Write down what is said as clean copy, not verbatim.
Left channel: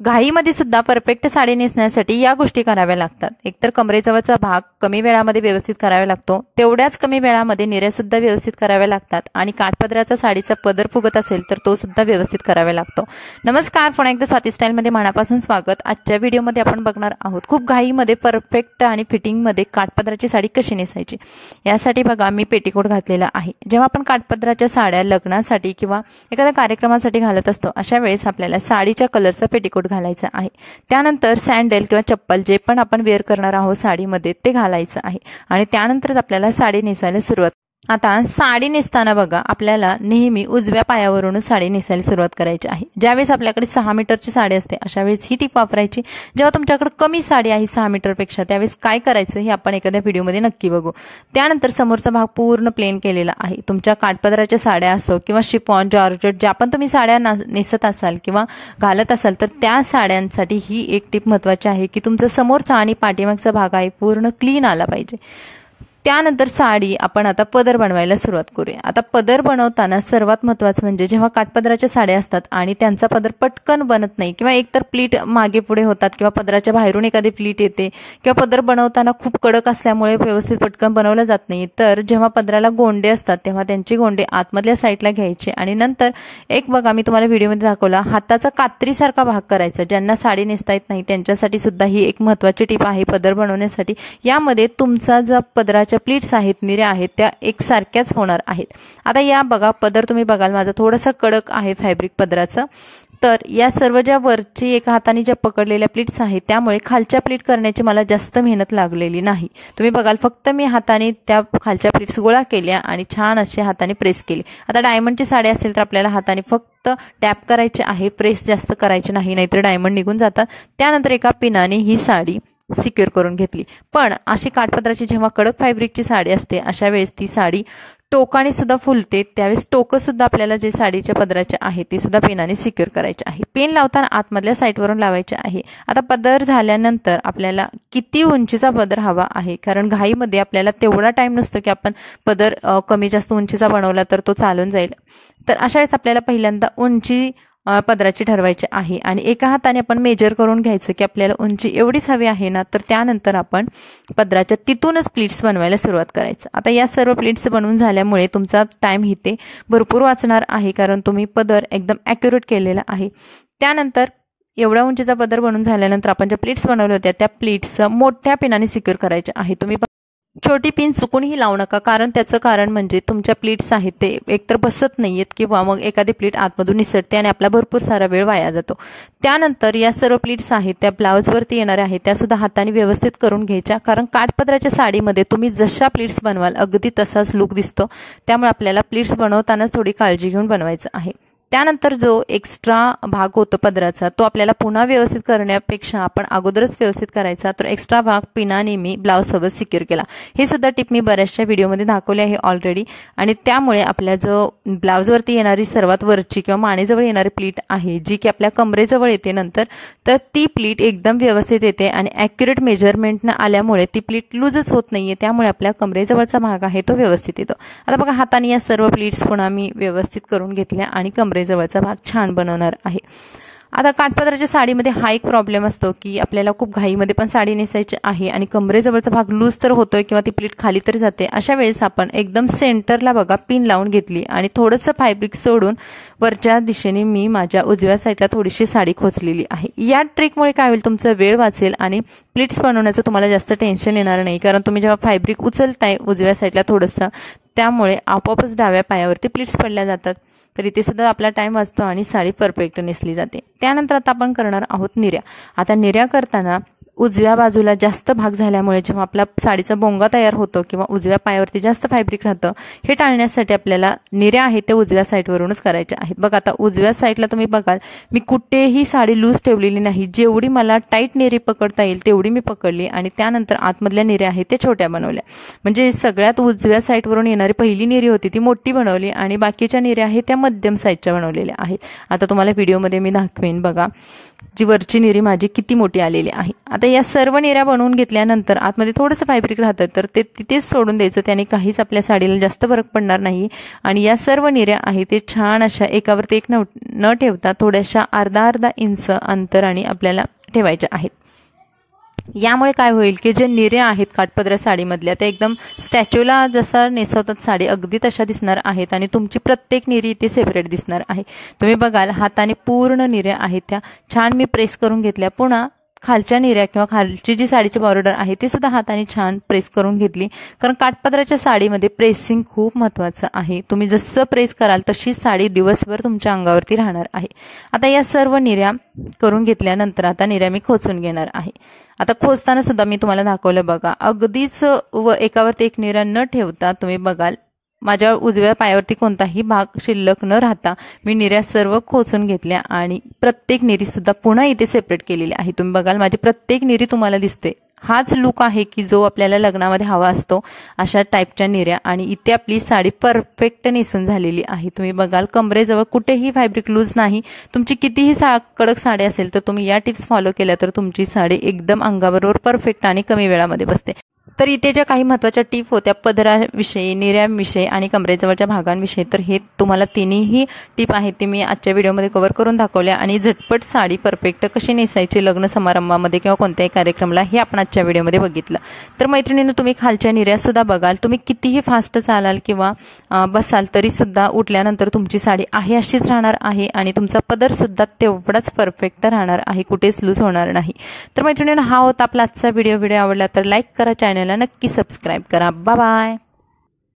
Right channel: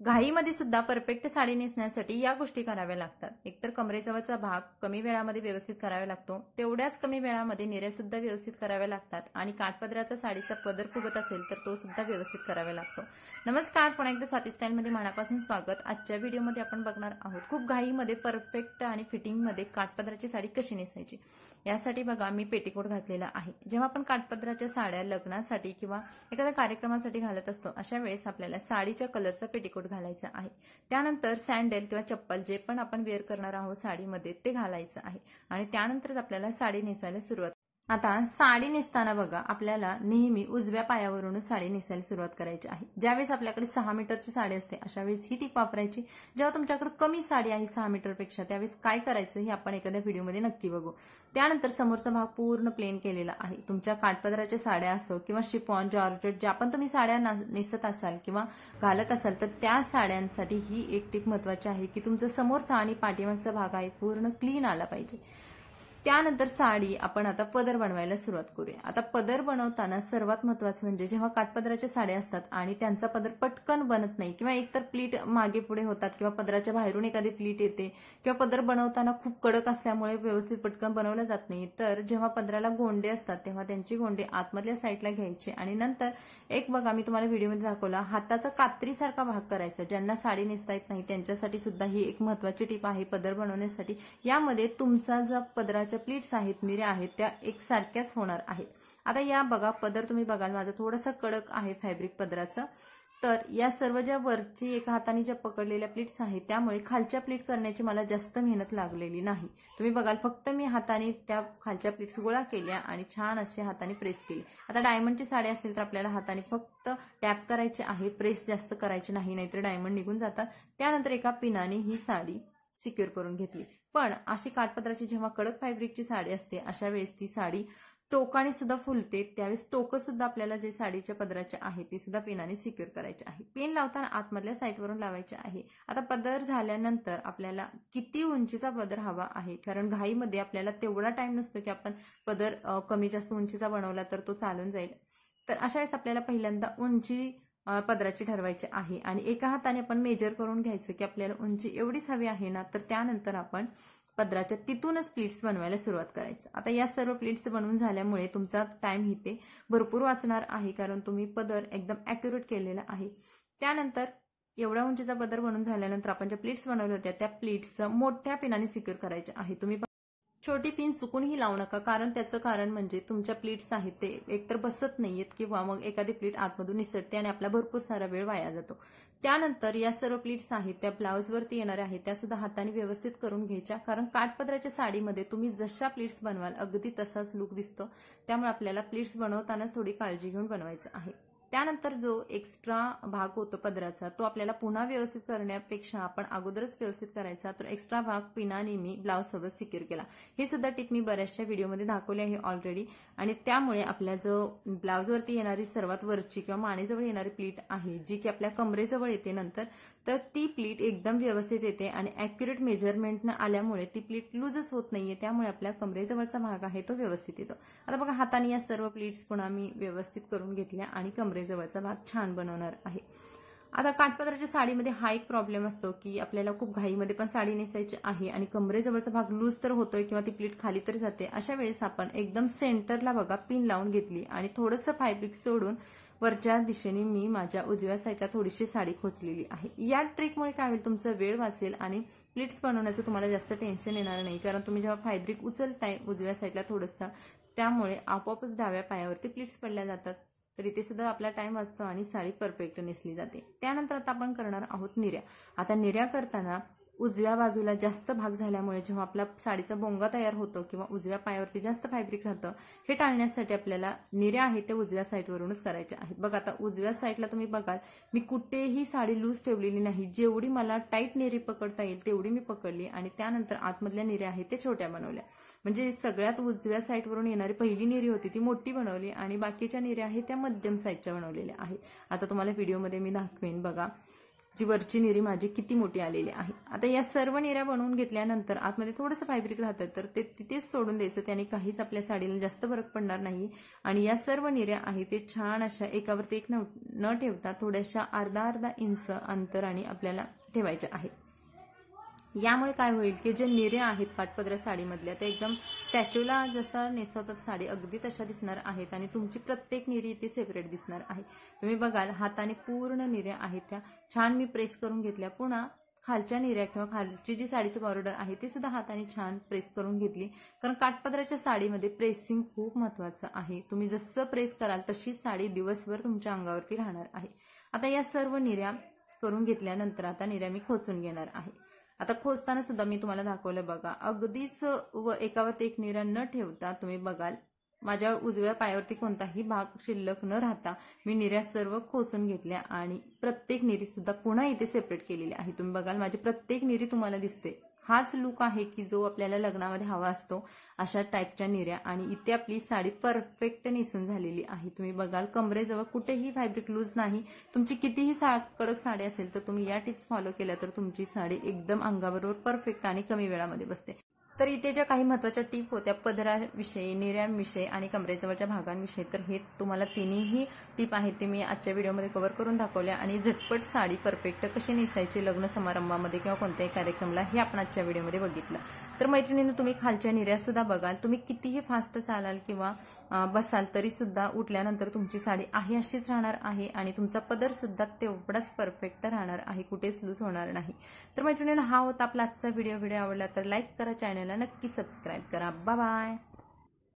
घाईमध्ये सुद्धा परफेक्ट साडी नेसण्यासाठी या गोष्टी कराव्या लागतात। एकतर कमरेजवळचा भाग कमी वेळामध्ये व्यवस्थित करावा लागतो, तेवढ्याच कमी वेळामध्ये निऱ्या सुद्धा व्यवस्थित कराव्या लागतात आणि काठपदराचा साडीचा पदर फुगत असेल तर तो सुद्धा व्यवस्थित करावा लागतो। नमस्कार, पुन्हा एकदा स्वाती स्टाईलमध्ये मनापासून स्वागत। आजच्या व्हिडिओमध्ये आपण बघणार आहोत खूप घाईमध्ये परफेक्ट आणि फिटिंगमध्ये काठपदराची साडी कशी नेसायची। यासाठी बघा मी पेटीकोट घातलेला आहे। जेव्हा आपण काठपदराच्या साड्या लग्नासाठी किंवा एखाद्या कार्यक्रमासाठी घालत असतो अशा वेळेस आपल्याला साडीच्या कलरचा पेटीकोट घालायचा आहे। त्यानंतर सॅन्डल किंवा चप्पल जे पण आपण वेअर करणार आहोत साडीमध्ये ते घालायचं आहे आणि त्यानंतरच आपल्याला साडी नेसायला सुरुवात। आता साडी नेसताना बघा आपल्याला नेहमी उजव्या पायावरून साडी नेसायला सुरुवात करायची आहे। ज्यावेळेस आपल्याकडे 6 मीटरची साडी असते अशा वेळेस ही टिप वापरायची। जेव्हा तुमच्याकडे कमी साडी आहे 6 मीटरपेक्षा त्यावेळेस काय करायचं हे आपण एखाद्या व्हिडिओमध्ये नक्की बघू। त्यानंतर समोरचा भाग पूर्ण प्लेन केलेला आहे। तुमच्या काठपदराच्या साड्या असो किंवा शिफॉन, जॉर्जेट ज्या पण तुम्ही साड्या नेसत असाल किंवा घालत असाल तर त्या साड्यांसाठी ही एक टिप महत्त्वाची आहे की तुमचा समोरचा आणि पाठीमागचा भाग आहे पूर्ण क्लीन आला पाहिजे। त्यानंतर साडी आपण आता पदर बनवायला सुरुवात करूया। आता पदर बनवताना सर्वात महत्त्वाचं म्हणजे जेव्हा काठपदराच्या साड्या असतात आणि त्यांचा पदर पटकन बनत नाही किंवा एकतर प्लीट मागे पुढे होतात किंवा पदराच्या बाहेरून एखादी प्लीट येते किंवा पदर बनवताना खूप कडक असल्यामुळे व्यवस्थित पटकन बनवलं जात नाही, तर जेव्हा पदराला गोंडे असतात तेव्हा त्यांची गोंडे आतमधल्या साईडला घ्यायचे आणि नंतर एक बघा मी तुम्हाला व्हिडिओमध्ये दाखवला हाताचा कात्रीसारखा भाग करायचा। ज्यांना साडी नेसता येत नाही त्यांच्यासाठी सुद्धा ही एक महत्त्वाची टिप आहे पदर बनवण्यासाठी। यामध्ये तुमचा जो पदराच्या प्लीट्स आहेत निऱ्या आहेत त्या एकसारख्याच होणार आहेत। आता या बघा पदर तुम्ही बघाल माझा थोडासा कडक आहे फॅब्रिक पदराचं, तर या सर्व ज्या वरची एका हाताने ज्या पकडलेल्या प्लीट्स आहेत त्यामुळे खालच्या प्लीट करण्याची मला जास्त मेहनत लागलेली नाही। तुम्ही बघाल फक्त मी हाताने त्या खालच्या प्लीट्स गोळा केल्या आणि छान असे हाताने प्रेस केले। आता डायमंडची साडी असेल तर आपल्याला हाताने फक्त टॅप करायचे आहे, प्रेस जास्त करायचे नाही, नाहीतर डायमंड निघून जातात। त्यानंतर एका पिनाने ही साडी सिक्युअर करून घेतली। पण अशी काठपदराची जेव्हा कडक फॅब्रिकची साडी असते अशा वेळेस ती साडी टोकाने सुद्धा फुलते, त्यावेळेस टोकं सुद्धा आपल्याला जे साडीच्या पदराचे आहे ते सुद्धा पेनाने सिक्युअर करायचे आहे। पेन लावताना आतमधल्या साईडवरून लावायचे आहे। आता पदर झाल्यानंतर आपल्याला किती उंचीचा पदर हवा आहे, कारण घाईमध्ये आपल्याला तेवढा टाइम नसतो की आपण पदर कमी जास्त उंचीचा बनवला तर तो चालून जाईल, तर अशा वेळेस आपल्याला पहिल्यांदा उंची पदराची ठरवायची आहे आणि एका हाताने आपण मेजर करून घ्यायचं की आपल्याला उंची एवढीच हवी आहे ना, तर त्यानंतर आपण पदराच्या तिथूनच प्लीट्स बनवायला सुरुवात करायचं। आता या सर्व प्लीट्स बनवून झाल्यामुळे तुमचा टाइम इथे भरपूर वाचणार आहे, कारण तुम्ही पदर एकदम ॲक्युरेट केलेला आहे। त्यानंतर एवढ्या उंचीचा पदर बनवून झाल्यानंतर आपण ज्या प्लीट्स बनवल्या होत्या त्या प्लीट्स मोठ्या पिनाने सिक्युअर करायच्या आहे। तुम्ही छोटी पिन चुकूनही लावू नका, कारण त्याचं कारण म्हणजे तुमच्या प्लीट्स आहेत ते एकतर बसत नाहीयेत किंवा मग एखादी प्लीट आतमधून निसटते आणि आपला भरपूर सारा वेळ वाया जातो। त्यानंतर या सर्व प्लीट्स आहेत त्या ब्लाउजवरती येणाऱ्या आहेत त्या सुद्धा हाताने व्यवस्थित करून घ्यायच्या, कारण काठपदराच्या साडीमध्ये तुम्ही जशा प्लीट्स बनवाल अगदी तसाच लुक दिसतो, त्यामुळे आपल्याला प्लीट्स बनवतानाच थोडी काळजी घेऊन बनवायचं आहे। त्यानंतर जो एक्स्ट्रा भाग होतो पदराचा तो आपल्याला पुन्हा व्यवस्थित करण्यापेक्षा आपण अगोदरच व्यवस्थित करायचा, तर एक्स्ट्रा भाग पिनाने मी ब्लाउजसोबत सिक्युअर केला। हे सुद्धा टिप मी बऱ्याचशा व्हिडिओमध्ये दाखवली आहे ऑलरेडी आणि त्यामुळे आपल्या जो ब्लाउजवरती येणारी सर्वात वरची किंवा मानेजवळ येणारी प्लीट आहे जी की आपल्या कमरेजवळ येते नंतर, तर ती प्लीट एकदम व्यवस्थित येते आणि ॲक्युरेट मेजरमेंटनं आल्यामुळे ती प्लीट लूजच होत नाहीये, त्यामुळे आपल्या कमरेजवळचा भाग आहे तो व्यवस्थित येतो। आता बघा हाताने या सर्व प्लीट्स पुन्हा मी व्यवस्थित करून घेतल्या आणि कमरेजवळचा भाग छान बनवणार आहे। आता काठपदराच्या साडीमध्ये हा एक प्रॉब्लेम असतो की आपल्याला खूप घाईमध्ये पण साडी नेसायची आहे आणि कमरेजवळचा भाग लूज तर होतोय किंवा ती प्लीट खाली तरी जाते। अशा वेळेस आपण एकदम सेंटरला बघा पिन लावून घेतली आणि थोडंसं फॅब्रिक सोडून वरच्या दिशेने मी माझ्या उजव्या साईडला थोडीशी साडी खोचलेली आहे। या ट्रिकमुळे काय होईल, तुमचा वेळ वाचेल आणि प्लीट्स बनवण्याचं तुम्हाला जास्त टेन्शन येणार नाही, कारण तुम्ही जेव्हा फॅब्रिक उचलताय उजव्या साईडला थोडंसं त्यामुळे आपोआपच डाव्या पायावरती प्लीट्स पडल्या जातात, तर इथे सुद्धा आपला टाइम वाचतो आणि साडी परफेक्ट नेसली जाते। त्यानंतर आता आपण करणार आहोत निऱ्या। आता निऱ्या करताना उजव्या बाजूला जास्त भाग झाल्यामुळे जेव्हा आपला साडीचा बोंगा तयार होतो किंवा उजव्या पायावरती जास्त फॅब्रिक राहतं, हे टाळण्यासाठी आपल्याला निऱ्या आहेत ते उजव्या साईडवरूनच करायच्या आहेत। बघा आता उजव्या साईडला तुम्ही बघाल मी कुठेही साडी लूज ठेवलेली नाही, जेवढी मला टाईट निरी पकडता येईल तेवढी मी पकडली आणि त्यानंतर आतमधल्या निऱ्या आहेत ते छोट्या बनवल्या, म्हणजे सगळ्यात उजव्या साईडवरून येणारी पहिली निरी होती ती मोठी बनवली आणि बाकीच्या निऱ्या आहेत त्या मध्यम साईडच्या बनवलेल्या आहेत। आता तुम्हाला व्हिडिओमध्ये मी दाखवेन बघा जी वरची निरी माझी किती मोठी आलेली आहे। आता या सर्व निऱ्या बनवून घेतल्यानंतर आतमध्ये थोडंसं फॅब्रिक राहतं तर ते तिथेच सोडून द्यायचं, त्याने काहीच आपल्या साडीला जास्त फरक पडणार नाही। आणि या सर्व निऱ्या आहेत ते छान अशा एकावरती एक न ठेवता थोड्याशा अर्धा इंच अंतराने आपल्याला ठेवायच्या आहेत। यामुळे काय होईल की जे निऱ्या आहेत काठपदर साडीमधल्या त्या एकदम स्टॅच्यूला जसा नेसवतात साडी अगदी तशा दिसणार आहेत आणि तुमची प्रत्येक निरी इथे सेपरेट दिसणार आहे। तुम्ही बघाल हाताने पूर्ण निऱ्या आहेत त्या छान मी प्रेस करून घेतल्या। पुन्हा खालच्या निऱ्या किंवा खालची जी साडीची बॉर्डर आहे ती सुद्धा हाताने छान प्रेस करून घेतली, कारण काठपदराच्या साडीमध्ये प्रेसिंग खूप महत्त्वाचं आहे। तुम्ही जसं प्रेस कराल तशी साडी दिवसभर तुमच्या अंगावरती राहणार आहे। आता या सर्व निऱ्या करून घेतल्यानंतर आता निऱ्या मी खोचून घेणार आहे। आता खोचताना सुद्धा मी तुम्हाला दाखवलं बघा, अगदीच एकावरती एक निऱ्या न ठेवता तुम्ही बघाल माझ्या उजव्या पायावरती कोणताही भाग शिल्लक न राहता मी निऱ्या सर्व खोचून घेतल्या आणि प्रत्येक निरी सुद्धा पुन्हा इथे सेपरेट केलेली आहे। तुम्ही बघाल माझी प्रत्येक निरी तुम्हाला दिसते। हाच लुक आहे की जो आपल्याला लग्नामध्ये हवा असतो, अशा टाईपच्या निऱ्या। आणि इथे आपली साडी परफेक्ट नेसून झालेली आहे। तुम्ही बघाल कमरेजवळ कुठेही फॅब्रिक लूज नाही। तुमची कितीही कडक साडी असेल तर तुम्ही या टिप्स फॉलो केल्या तर तुमची साडी एकदम अंगाबरोबर परफेक्ट आणि कमी वेळामध्ये बसते। तर इथे ज्या काही महत्त्वाच्या टिप होत्या पदराविषयी, निऱ्याविषयी आणि कमरेजवळच्या भागांविषयी, तर हे तुम्हाला तिन्ही टिप आहेत ते मी आजच्या व्हिडिओमध्ये कव्हर करून दाखवल्या। आणि झटपट साडी परफेक्ट कशी नेसायची लग्न समारंभामध्ये किंवा कोणत्याही कार्यक्रमाला हे आपण आजच्या व्हिडिओमध्ये बघितलं। तर मैत्रिणींनो तुम्ही खालच्या निऱ्यासुद्धा बघाल, तुम्ही कितीही फास्ट चालाल किंवा बसाल तरीसुद्धा उठल्यानंतर तुमची साडी आहे अशीच राहणार आहे आणि तुमचा पदरसुद्धा तेवढाच परफेक्ट राहणार आहे, कुठेच लूज होणार नाही। तर मैत्रिणींनो हा होता आपला आजचा व्हिडिओ आवडला तर लाईक करा, चॅनलला नक्की सबस्क्राईब करा। Bye bye.